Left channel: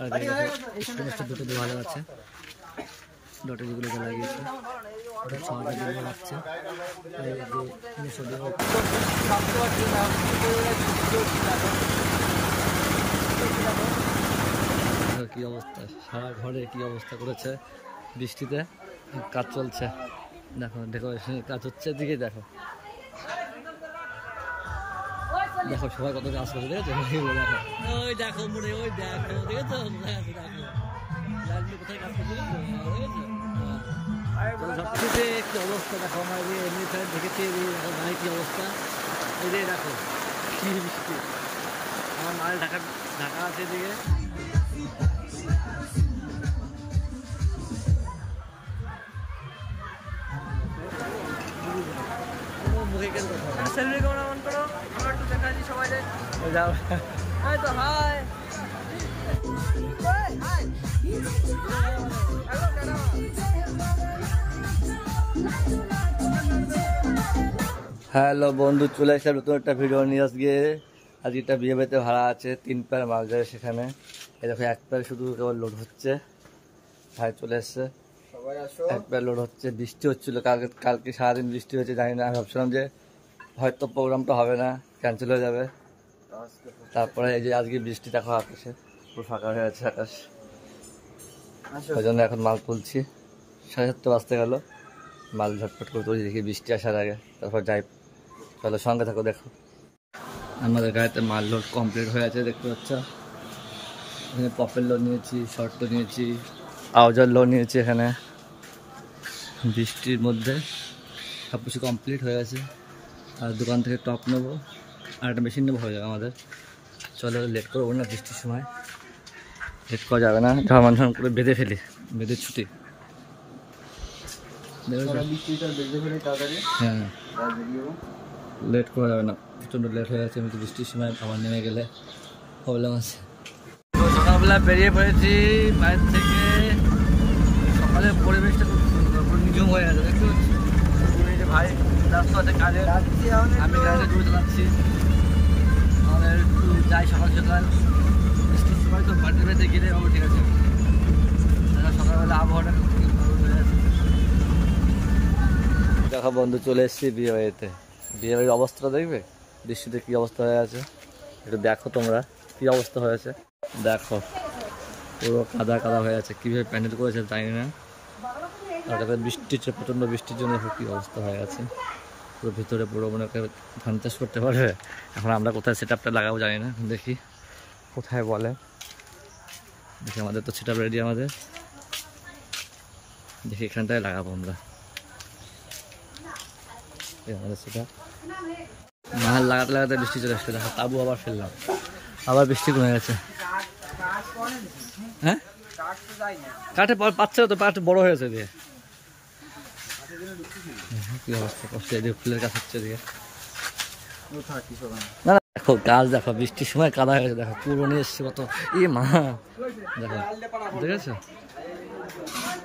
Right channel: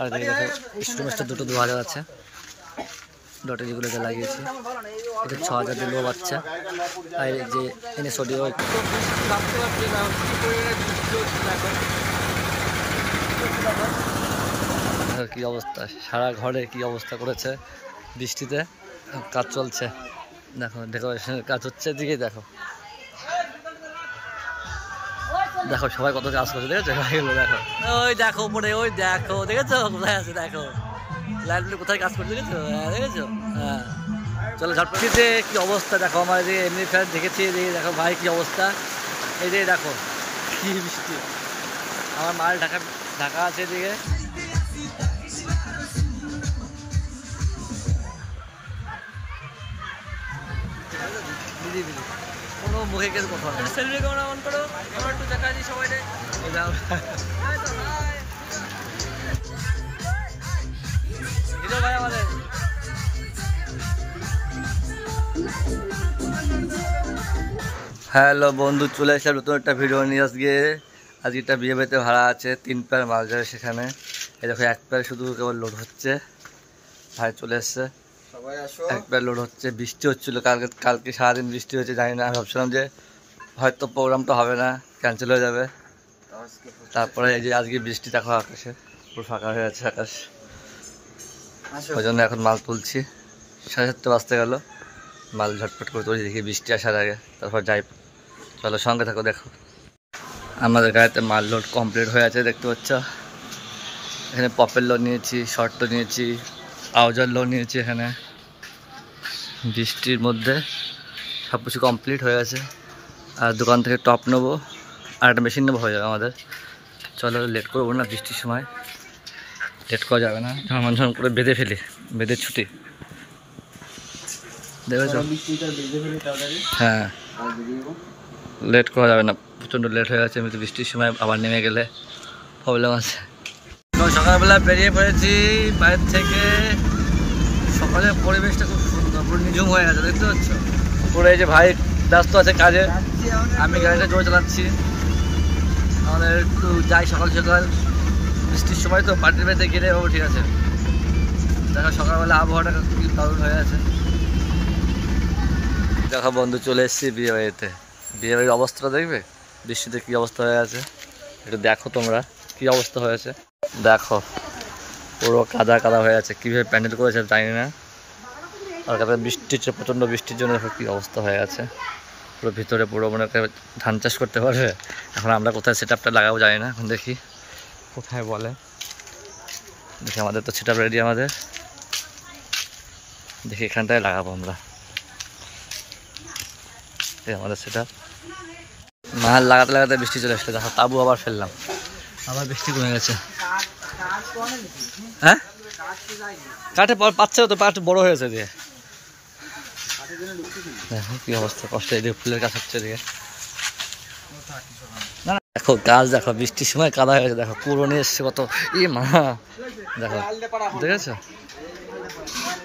আর দেখো স্টুডেন্টসটা দুটো 2000 আছে, ডটে যেগুলোতে লাগিয়েছি এটা 6000 দিয়ে লো বাচ্চা। আর এই যে এনএসওডিও কি অবস্থা, সারা ঘরে কি অবস্থা করেছে বৃষ্টিতে। কাজ চলছে, দেখো ডেকোরেশনের কাজ হচ্ছে, দিকে দেখো দেখো সবাই কত কাজ করছে, দেখেছো ভাইগুলো দেখো, ওই দেখো উপরে, ওই দেখো দেখেছো কোথায় আছে, দেখো লাইটগুলো কোথায় কাজ করছে, দেখেছো দেখেছো। হ্যাঁ চলো ঝটপটিতে কি অবস্থা দেখো, আমার যে এমনি ফ্যান দেখেছি, দেখো ভাই কি অবস্থা, এই যে দেখো কি বৃষ্টি, আমার মাল ঢাকা আছে এদিকে। কোনো মুখে কেউ কথা না, সেলফি ক্যামেরা অন করো, আমরা একটু দেখা দিই সবাই। এই যাও তো হাই হিরো ভাই আমাদের। হ্যালো বন্ধু, চলে আসলাম নতুন একটা ভিডিও নিয়ে। আজকে একটা বিয়ে বাড়িতে ভাড়া আছে, 3 পেয়ার মাল যাবে সেখানে। এই দেখো 1 পেয়ার শুধু কেবল লোড হচ্ছে, ভাই চলে এসছে, 1 পেয়ার লোড হচ্ছে। বৃষ্টি হচ্ছিলো কালকে সারাদিন বৃষ্টি হয়েছে, জানি না, আমি ভাবছিলাম যে হয়তো প্রোগ্রামটা হবে না, ক্যান্সেল হয়ে যাবে। তারপরে এই যে আজকে বৃষ্টি দেখো, আকাশে পুরো ফাঁকা হয়ে আছে আকাশ, ওই জন্য এখন মাল তুলছি। 7:30 বাজতে গেল, মাল ঝটপট করে তুলছি, দেখি বৃষ্টি আসার আগে, তারপর যাই। চলো সঙ্গে থাকো, দেখো আমাদের গাড়িতে মাল লোড কমপ্লিট হয়ে আছে, দেখতে পাচ্ছ। এখানে পপের লোড নিয়েছি, শর্ট নিয়েছি, আউজার লোড নিয়েছি। এখানে বৃষ্টির মধ্যে সব কিছু কমপ্লিট হয়ে আছে। আর দোকান থেকে টপ নেবো, আর একটা মেশিন নেবো, হয়ে যাবে আমাদের। চলো লেট করবো না, বৃষ্টির সময় লেট করা যাবে না, ঝড় করে বেঁধে ফেলি, বেঁধে ছুটি দেখেছো। হ্যাঁ লেট করা যাবে না, প্রচণ্ড লেট হয়ে গেছে, এমনিতে বৃষ্টির সময় আবার নেমে গেলে প্রবলেম আছে। সকালবেলা বেরিয়ে পড়েছি বাইরে থেকে। সকালের পরিবেশটা খুব সুন্দর, পুরো নিঝুম হয়ে গেছে, দেখতে পাচ্ছ। পুরো এই যে ভাই ব্যস্ত আছে কাজে, আমি গাড়িটা জোরে চালাচ্ছি। আমাদের একটু যাই সকাল সকাল, বৃষ্টির সময় তো পার্টির বাড়িতে গেলে বাবু, ঠিক আছে। দেখো সকালবেলা আবহাওয়াটা কি দারুণ হয়ে আছে। দেখো বন্ধু, চলে এসেছি বিয়ে বাড়িতে। বিয়ে বাড়ির অবস্থাটা দেখবে, বৃষ্টিতে কি অবস্থা হয়ে আছে একটু দেখো তোমরা, কি অবস্থা হয়েছে দেখো, পুরো কাদা কাদা হয়ে আছে। কীভাবে প্যান্ডেল করেছে জানি না, আর কাদা বৃষ্টির, প্রচণ্ড বৃষ্টির জন্য দেখো কী অবস্থা হয়ে আছে। পুরো ভিতরে পুরো মনে করে ধান চাষ করতে পারবে। এখন আমরা কোথায় সেট আপটা লাগাবো জানি না, এখন দেখি কোথায় বলে। দেখি আমাদের তো সেট আপ রেডি, আমাদের দেখি এখানটায় লাগাবো আমরা, আমাদের সেটা। মাল লাগাতে লাগাতে বৃষ্টি চলে আসছে, দেখো তাবু আবার ফেললাম, আবার বৃষ্টি কমে গেছে। হ্যাঁ কাঠে পাচ্ছে তো, পাঠ বড় হয়েছে দিয়ে। দেখো কি অবস্থা, কষ্ট, এদিকে ফুলের কাজ হচ্ছে এদিকে। না দেখো গাছ, দেখো বৃষ্টির সময় কাদা হয়ে গেছে, দেখো পুরো নিয়ে এসছে কত, মা দেখো দেখেছো,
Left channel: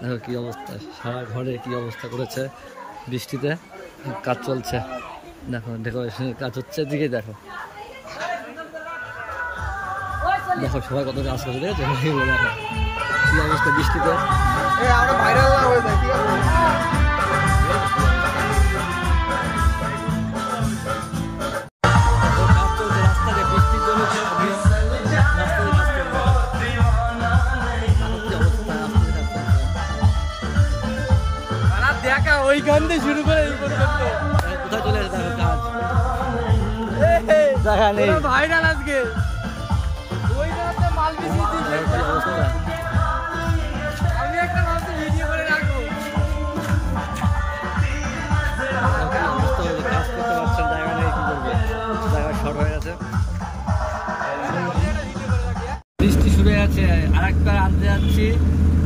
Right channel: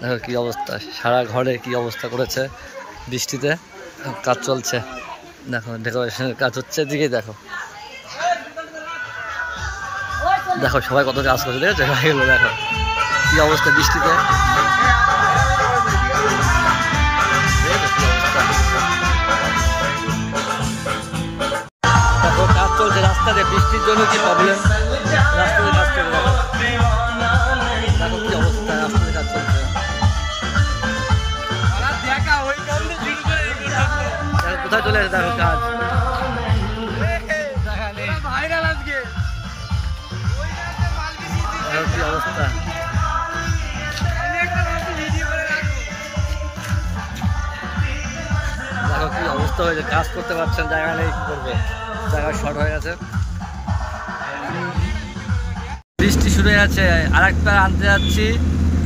দেখো কি অবস্থা, সারা ঘরে কি অবস্থা করেছে বৃষ্টিতে। কাজ চলছে, দেখো ডেকোরেশনের কাজ হচ্ছে, দিকে দেখো দেখো সবাই কত কাজ করছে, দেখেছো ভাইগুলো দেখো কি অবস্থা বৃষ্টিতে। দেখো কাজ চলছে রাস্তাতে, বৃষ্টির জন্য কি প্রবলেম, রাস্তাতে কাজ চলছে, দেখো কি অবস্থা, রাস্তাতে কাজ চলছে। কোথায় চলে আসে দেখো কাজ, দেখা নেই ভাইরাল আজকে, দেখো কি অবস্থা। দেখো কি অবস্থা হয়েছে, কাজ করতে পারছেন, জায়গা নেই, কি করবে, জায়গা শর্ট হয়ে গেছে। বৃষ্টি শুরু হয়ে যাচ্ছে, আর 1 পেয়ার আনতে যাচ্ছি,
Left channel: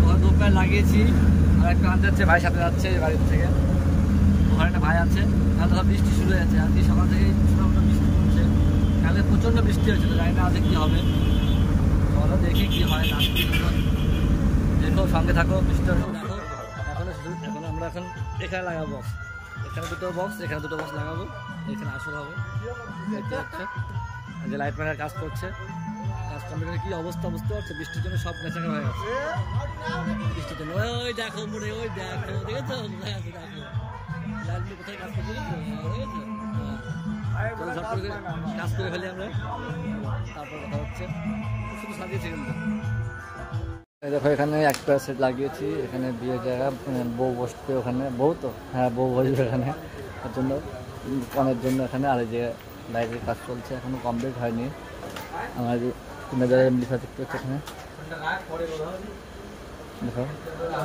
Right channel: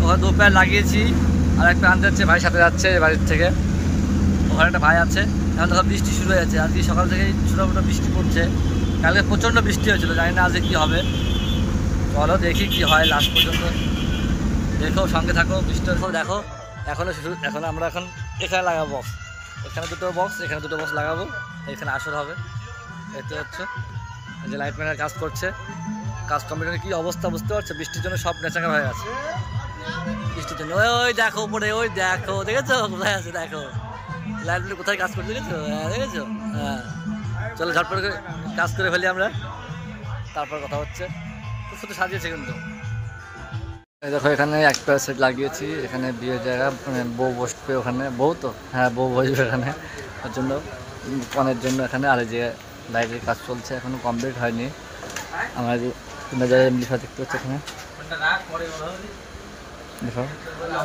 ওখানে 2 পেয়ার লাগিয়েছি, আর 1 পেয়ার আনতে যাচ্ছে, ভাই সাথে যাচ্ছে বাড়ির থেকে, ওখানে একটা ভাই আছে। এখন দেখো বৃষ্টি শুরু হয়ে যাচ্ছে, আজকে সকাল থেকে ছোটো বৃষ্টি পড়ছে, কালকে প্রচণ্ড বৃষ্টি হয়েছিল, জানি না আজকে কী হবে। চলো দেখি কি হয় লাস্ট পর্যন্ত, দেখো সঙ্গে থাকো, বৃষ্টি দেখো। এখন আমরা এখানে লাগাবো বক্স, এখানে 2টো বক্স, এখানে 2টো বক্স লাগাবো, এখানে আসর হবে, দেখতে হচ্ছে যে লাইট ম্যানের কাজ করছে। কাজ কমপ্লিট কি অবস্থা বুঝতে পারছো? বৃষ্টির জন্য সব নেচাকা হয়ে গেছে। বৃষ্টির জন্য ওই দেখো উপরে, ওই দেখো, দেখেছো কোথায় আছে? দেখো লাইটগুলো কোথায় কাজ করতে, দেখেছো? হ্যাঁ দেখেছো? হ্যাঁ চলো ঝটপট করে কাজ করে ফেলি আমরা, তারপর কথা হচ্ছে। খুব সুন্দর সাজিয়েছে কিন্তু। এই দেখো এখানে একটা সেট লাগিয়েছি, এখানে বিয়ের জায়গা, মানে বউ বসবে ওখানে, বউ তো হ্যাঁ বউ বসবে এখানে, তার জন্য কনের জন্য এখানে। আর এই যে লাইটের কাজ চলছে, এখনো কমপ্লিট হয়নি। আমার যে 3000 এমনি দেখতে হচ্ছে এখানে, দেখো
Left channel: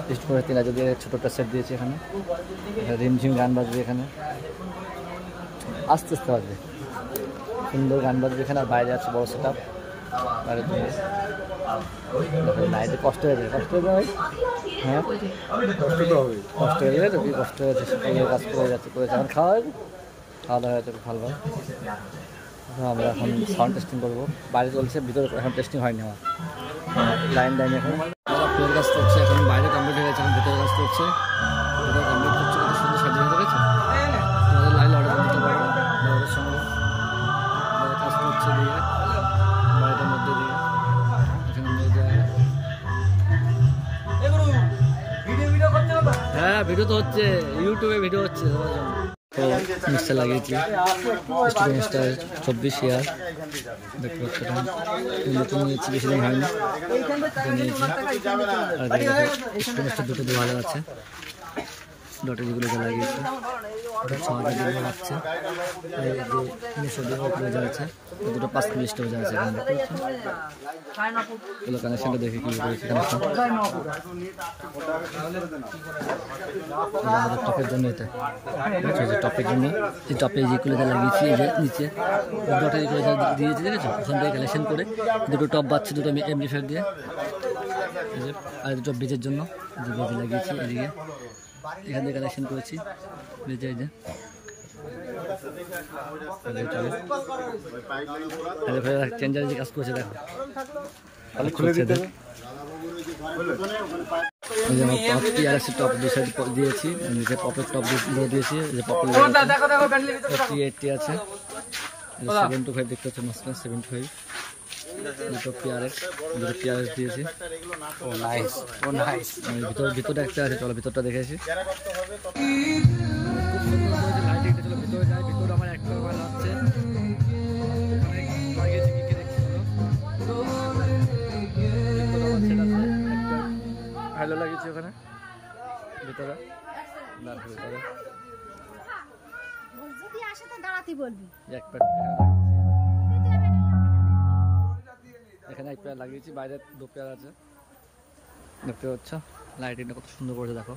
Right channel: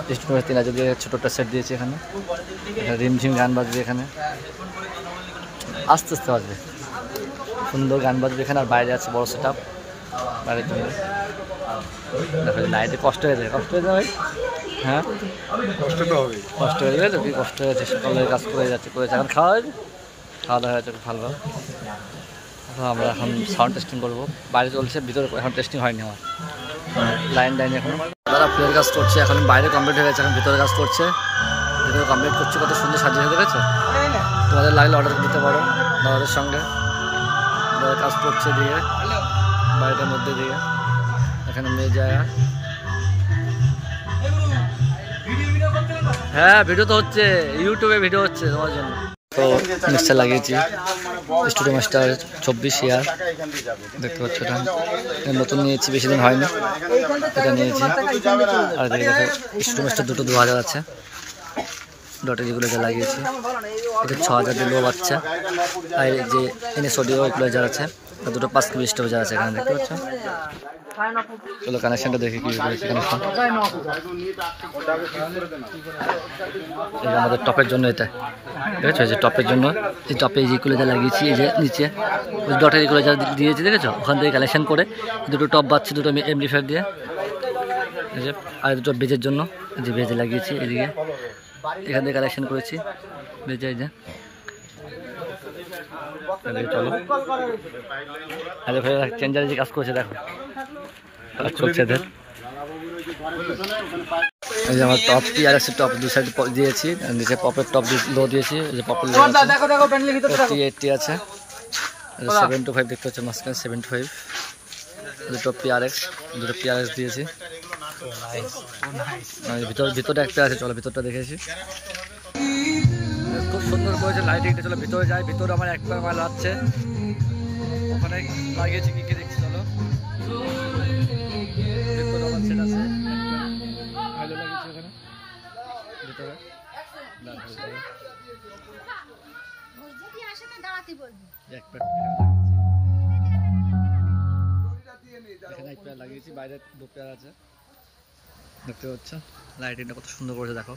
3000 দিয়ে ছোটো একটা সেট দিয়েছি এখানে। রিমঝিম গান বাজবে এখানে, আস্তে আস্তে বাজবে, সুন্দর গান বাজবে এখানে। আর বাইরে আছে বড় সেট আপ বাইরের জন্য। দেখো লাইটে কষ্ট হয়ে যায়, কষ্ট হয়ে যায় ভাই। হ্যাঁ কষ্ট হয়ে যাবে তো, কি কষ্ট হয়েছে, সকালে কাজ করে যাচ্ছে, এখন খাওয়া দাওয়া হয়েছে খুব ভালো। আমরা এখন সাউন্ড টেস্টিং করবো, বাইরে চলছে, ভিতরে এখন টেস্টিং হয়নি আমার, লাইন এখন তারা প্লেয়ার কাজ করছে। এখন বাইরে কমপ্লিট হয়ে গেছে, এখন ভিতরে কাজ করছে, ভিতরে কমপ্লিট করছে। কত সুন্দর সাজিয়ে দেখেছো? তোমাদের লাগলে অর্ডার দিতে পারো দাদাদের সঙ্গে। দাদা কাজ করছে দিয়ে বাড়িটার মধ্যে দিয়ে, এখানে মেয়ে জায়গা। হ্যাঁ ভিডিও তো হচ্ছে, ইউটিউবে ভিডিও হচ্ছে তোমার জন্য। তো মিক্সার লাগিয়েছি, স্টুডিও মাস্টার 24 ইয়ার, দেখতে পাচ্ছ। এটা নতুন নিয়েছি, বেশি দিন হয়নি, এটা নিয়েছি। আর দেখো স্টুডিও মাস্টার দুটো 2000 আছে, ডটের যেগুলো যা লাগিয়েছি। এটা 6000 দিয়ে লো বাচ্চা। আর এই যে এনএস অডিও ইকুলাইজার আছে, দুটো 5 KB স্টোরেজার আছে এখানে, দেখতে পাচ্ছ। চলো কানেকশনটা দেখি কি করেছি। কানেকশন আমাদের টপের জন্য, এটা দেখেছো? যে টপের জন্য, এই টপে এই যে ইকুলাইজার লাগিয়েছি, এই যে নিচে ওই ডটের ইকুলাইজার দিয়েছি, দেখেছো? ওখান থেকে কানেকশন করে দুটো টপ বাজছে, দুটো এমপ্লিফায়ার দিয়ে। এই যে আর দুটো বেজের জন্য, এই যে বেজে লাগিয়েছি এদিকে, এখান থেকে কানেকশন করেছি বেজে। এই যে চলো আরে ভাই চেঞ্জারে যে কাজ করছে, দেখো চলছে। এই যে আমার টপ TRX টপ 2 সাইড দিয়েছি, নিচে পপের টপ লো দিয়েছি। এই যে পপের লো আছে, 80 আছে, 725 দেখতে হচ্ছে মাঝখানে 75। দুটো PRX, দুটো PRX দিয়েছি। ভিতরে একটা আছে, চলো ভিতরটা দেখেছি, খুব সুন্দর করেছে লাইটিংটা। চলো ভিতরে যাই, ভিতরে আমার একটা মাল আছে, ওখানে লাগিয়েছি কি কি দেখছি। চলো ভালো লাগিয়েছি ওখানে ভিতরে, এখানে এক পেয়ার লাগিয়েছি, বাইরে 2 পেয়ার আছে, দেখতে পাচ্ছ। লাইটিংটা কত সুন্দর করেছে দেখো।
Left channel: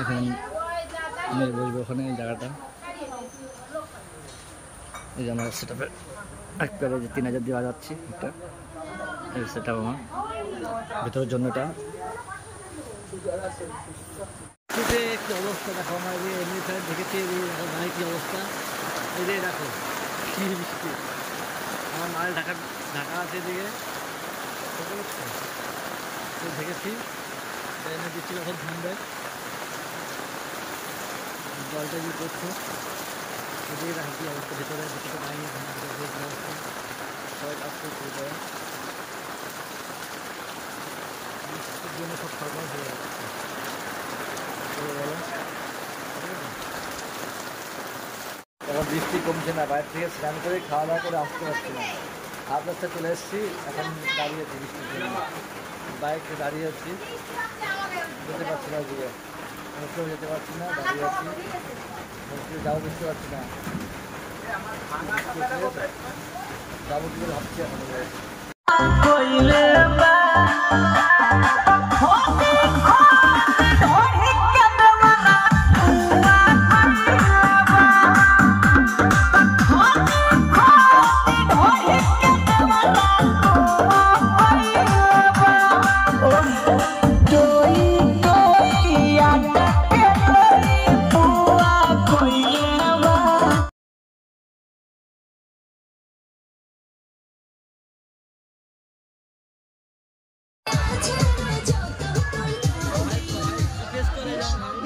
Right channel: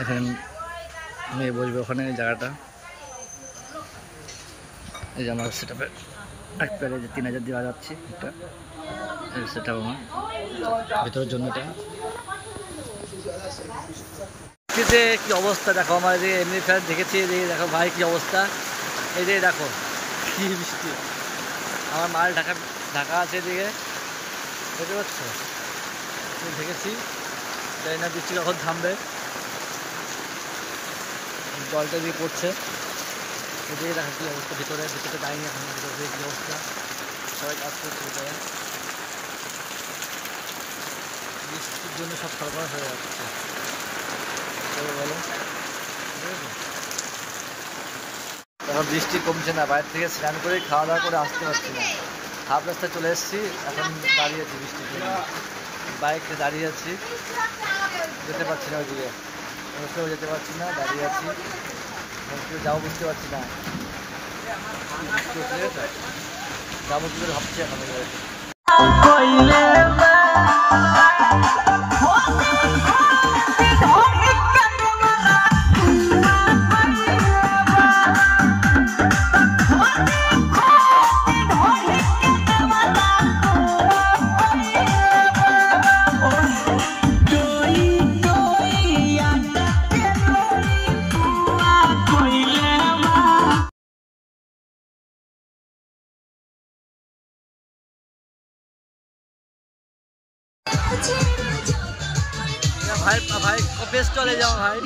এখানে মেয়ে বসবে ওখানে, এই জায়গাটা। এই যে আমার সেটআপে এক পেয়ারে যে 3000 দেওয়া যাচ্ছে, এটা সেটআপ আমার ভিতরের জন্য। এটা কি অবস্থা দেখো, আমার যে এমনি ফ্যান দেখেছি, এই দেখো ভাই কি অবস্থা। এই যে দেখো কি বৃষ্টি, আমার মাল ঢাকা আছে এদিকে, দেখতে পাচ্ছ? দেখেছি, তাই না বৃষ্টি কখন থামবে, জলটা দিয়ে পড়ছে। এদিকে দেখো কি অবস্থা, ভিতরে দাঁড়িয়ে এখন ভিতরে কি অবস্থা, সবাই কাজ করছে ভিতরে। বৃষ্টির জন্য সব সরবরাহ হয়ে যাচ্ছে, বলো। এখন বৃষ্টি কমছে না, বাইরে থেকে স্নান করে খাওয়া দাওয়া করে আসতে পারছি না, হাফ রাস্তায় চলে এসেছি। এখন দাঁড়িয়েছি বৃষ্টির জন্য, বাইকে দাঁড়িয়ে আছি, যেতে পারছি না ওইদিকে, কেউ যেতে পারছি না, দাঁড়িয়ে আছি, কেউ যাবো বুঝতে পারছি না, বৃষ্টি হচ্ছে, ঠিক আছে? যাবো কি করে ভাবছি এখন। ভাই ভাই অফিস চলে যাও ভাই।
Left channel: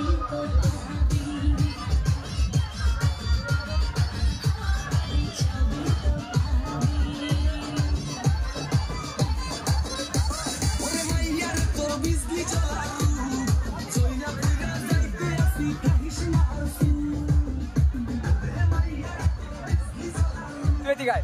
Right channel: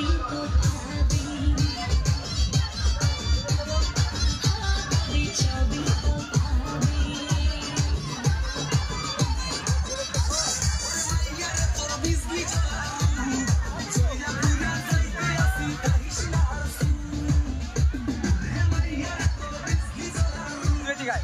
ভাই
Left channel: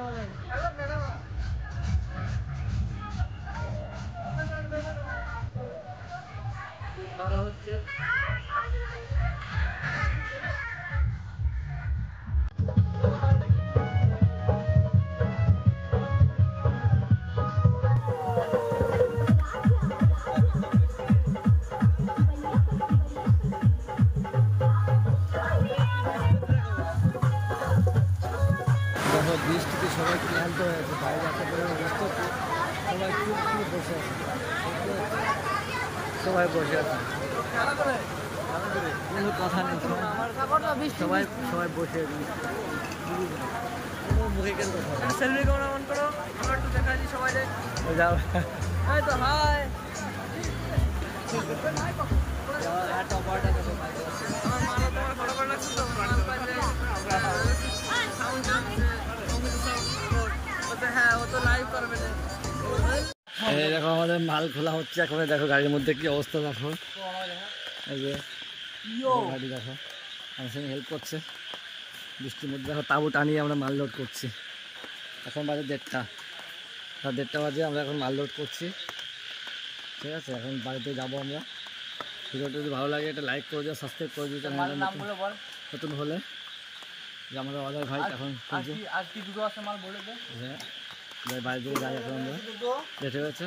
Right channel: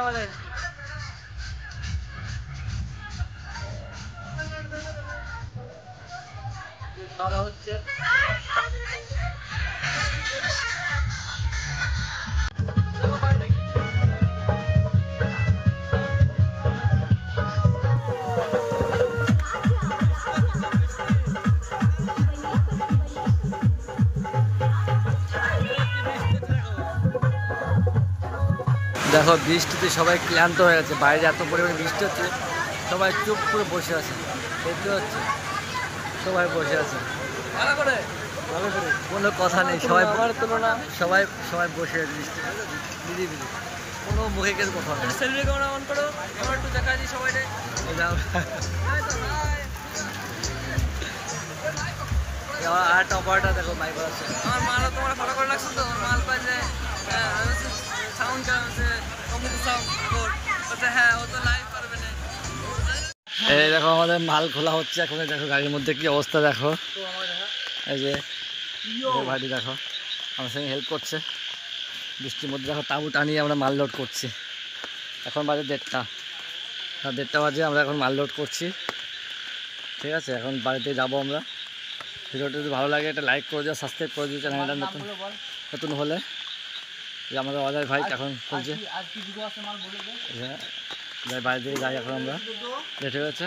আমাদের হচ্ছে দেখো বৃষ্টিতে সবাই ক্লান্ত হয়ে গেছে, বাইরে এত পরিমাণে বৃষ্টি হচ্ছে, সবাই চুপ করে বসে আছে, দেখতে হচ্ছে সবাই বসে আছে, কোনো কথা নেই, সবাই সবাই সবাই বসে আছে বৃষ্টিতে, দিদি দিদি কোনো মুখে কিছু কথা নেই। সেলফি ক্যামেরা অন করো, আমরা একটু দেখা দিই সবাই যাও। আর টপারটা দেখো মাইক আছে, আমার মালও তোমরা ফটো করে রাখছো তো, আমার মাল পাইছে সাউন্ড চালাচ্ছে কম্পিউটার সাউন্ড বলছে হ্যাঁ ও তো লাইভ করবে না। এই দেখো আমাদের মাল খোলা হচ্ছে এখন, দেখো গাড়ির মধ্যে কি অবস্থা দেখো, এই যে ভাইটি দেখো আমার সঙ্গে হেল্প করছে, বৃষ্টির মধ্যে দেখো তাঁবু টানিয়ে আমরা মাল লোড করছি, এখন বাজে 1:30 বাজে, আমরা এখন মাল লোড করছি, ঠিক আছে। এখন বাড়িতে যাবো আমরা। ভিডিওটা যদি ভালো লাগে একটা লাইক করে দিও, সাবস্ক্রাইব করে দিও চ্যানেলটা নতুন হলে। যে আমাদের অজয় ভাই এখন খুঁজছে, হ্যাঁ বাড়ি থেকে যাই এখন আমরা, লেট হয়ে গেছে।